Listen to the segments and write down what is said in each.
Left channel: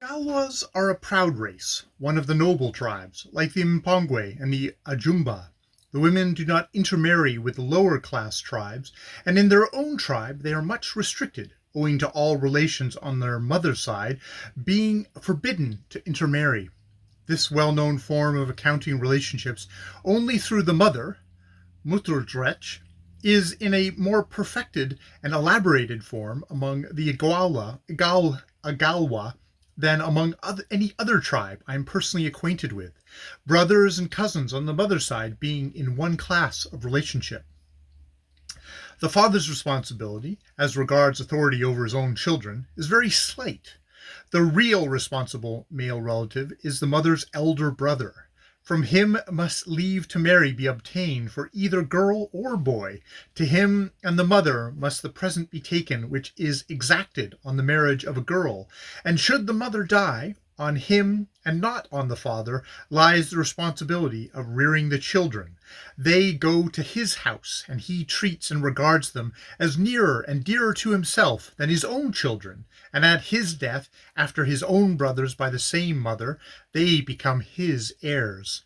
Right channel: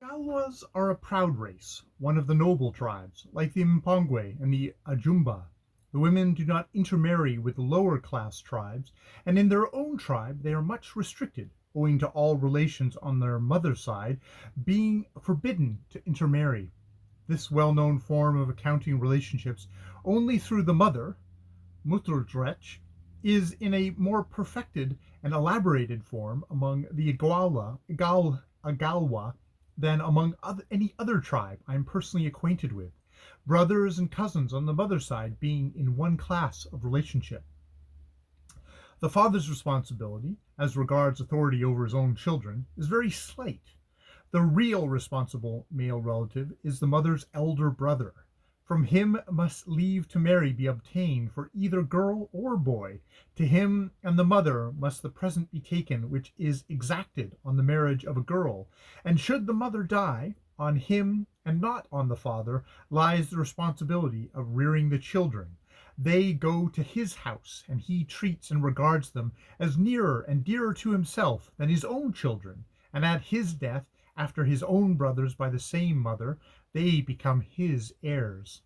Galwas are a proud race, one of the noble tribes, like the Mpongwe and the Ajumba. The women do not intermarry with the lower class tribes, and in their own tribe they are much restricted, owing to all relations on their mother's side being forbidden to intermarry. This well known form of accounting relationships only through the mother, Mutterdrecht, is in a more perfected and elaborated form among the Agalwa than among any other tribe I am personally acquainted with, brothers and cousins on the mother's side being in one class of relationship. The father's responsibility, as regards authority over his own children, is very slight. The real responsible male relative is the mother's elder brother. From him must leave to marry be obtained for either girl or boy. To him and the mother must the present be taken which is exacted on the marriage of a girl, and should the mother die, on him and not on the father lies the responsibility of rearing the children. They go to his house, and he treats and regards them as nearer and dearer to himself than his own children, and at his death, after his own brothers by the same mother, they become his heirs.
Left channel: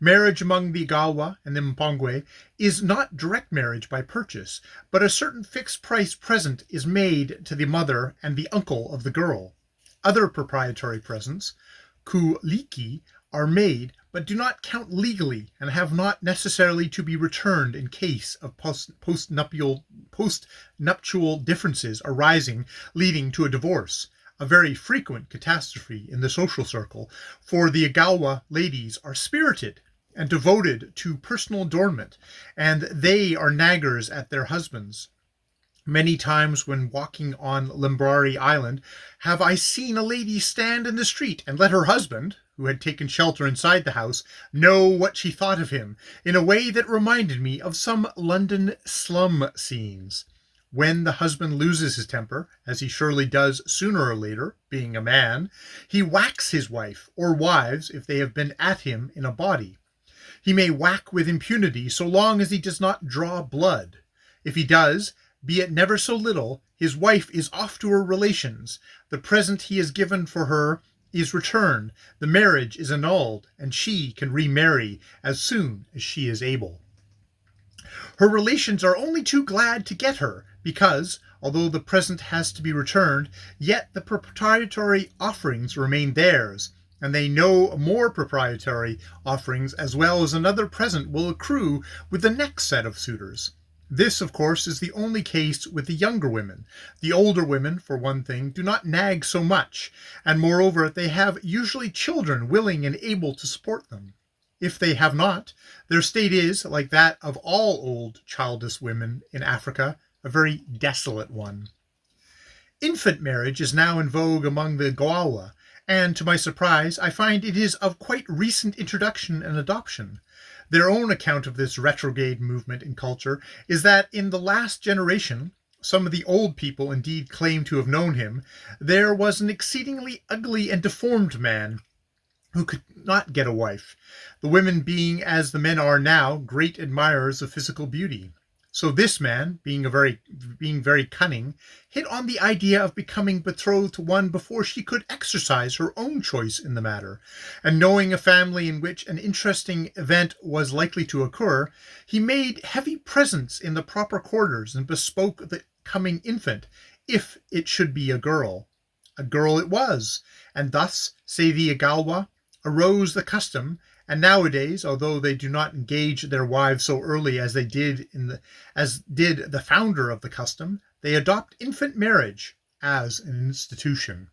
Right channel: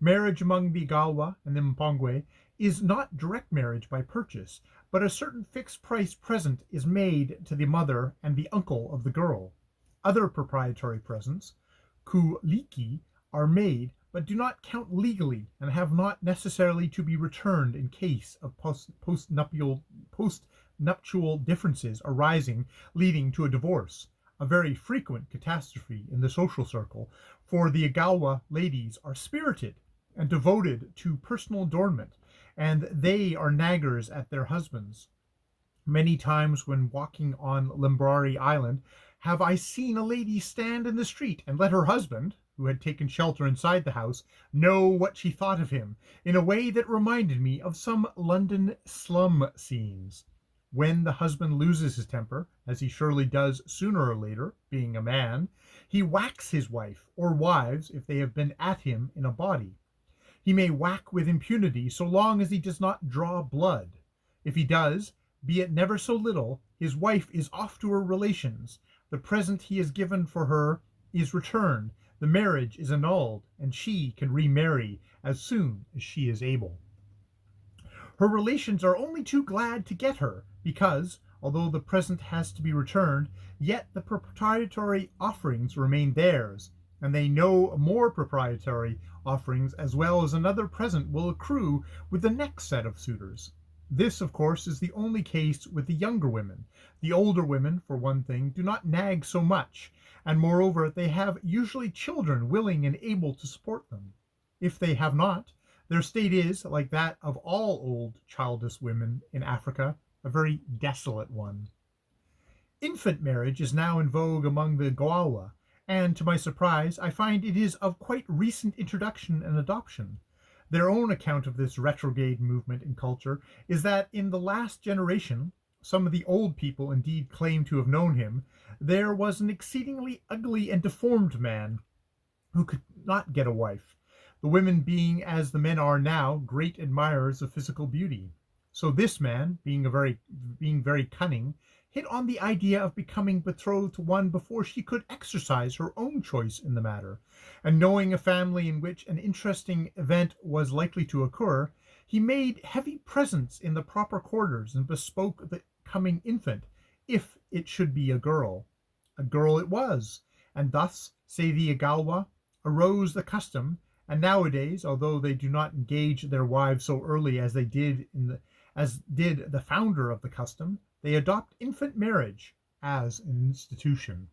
Marriage among the Gawa and the Mpongwe is not direct marriage by purchase, but a certain fixed price present is made to the mother and the uncle of the girl. Other proprietary presents, kuliki, are made, but do not count legally and have not necessarily to be returned in case of postnuptial differences arising leading to a divorce, a very frequent catastrophe in the social circle, for the Agawa ladies are spirited and devoted to personal adornment, and they are naggers at their husbands. Many times when walking on Lmbrn Island have I seen a lady stand in the street and let her husband, who had taken shelter inside the house, know what she thought of him, in a way that reminded me of some London slum scenes. When the husband loses his temper, as he surely does sooner or later, being a man, he whacks his wife, or wives if they have been at him in a body. He may whack with impunity so long as he does not draw blood. If he does, be it never so little, his wife is off to her relations, the present he has given for her is returned, the marriage is annulled, and she can remarry as soon as she is able. Her relations are only too glad to get her, because, although the present has to be returned, yet the proprietary offerings remain theirs, and they know more proprietary offerings as well as another present will accrue with the next set of suitors. This, of course, is the only case with the younger women. The older women, for one thing, do not nag so much, and moreover they have usually children willing and able to support them. If they have not, their state is, like that of all old childless women in Africa, a very desolate one. Infant marriage is now in vogue among the Goawa, and to my surprise I find it is of quite recent introduction and adoption. Their own account of this retrograde movement in culture is that in the last generation, some of the old people indeed claim to have known him, there was an exceedingly ugly and deformed man who could not get a wife, the women being, as the men are now, great admirers of physical beauty. So this man, being very cunning, hit on the idea of becoming betrothed to one before she could exercise her own choice in the matter, and knowing a family in which an interesting event was likely to occur, he made heavy presents in the proper quarters and bespoke the coming infant, if it should be a girl. A girl it was, and thus, say the Agalwa, arose the custom, and nowadays, although they do not engage their wives so early as did the founder of the custom, they adopt infant marriage as an institution.